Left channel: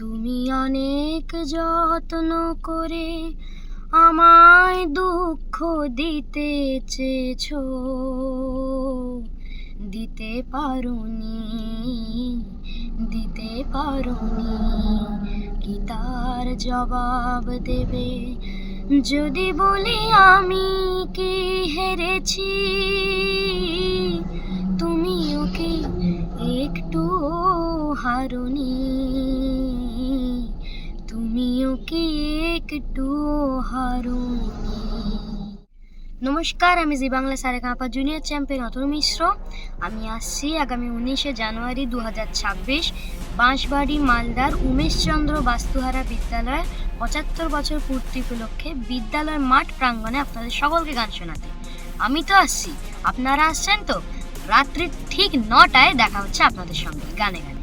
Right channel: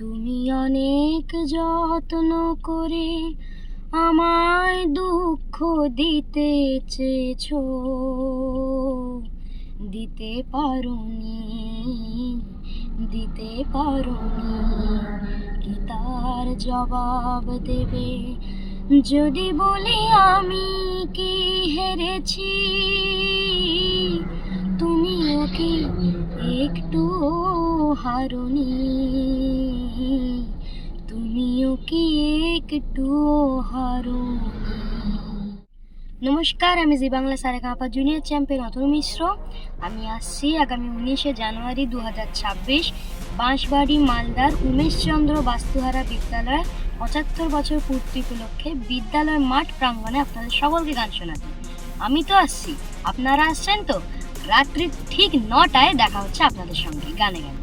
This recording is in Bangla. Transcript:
তুমি অনেক যত্ন করে আমায় দুঃখ দিতে চেয়েছো, দিতে পারোনি, দিতে পারোনি। কি তার জবাব দেবে যদি বলি আমি কি হেরেছি? তুমিও কি একটু হারোনি? তুমিও কি একটু হারোনি? নমস্কার, আমি জি বাংলা সারেগামাপা জুনিয়র চ্যাম্পিয়ন অতুল মিশ্র। আমি আসছি আগামী 19শে জানুয়ারি 2026 বাঁশবাড়ি মালদার উমেশচন্দ্র বাস্তুহারা বিদ্যালয়ের 75 বছর পূর্তি উপলক্ষে বিদ্যালয় মাঠ প্রাঙ্গণে আপনাদের সকলকে গান শোনাতে। আমি তো আসছি, আপনারা আসছেন তো? রাত্রি ঠিক 9টায় দেখা হচ্ছে আপনাদের সঙ্গে গানে গানে।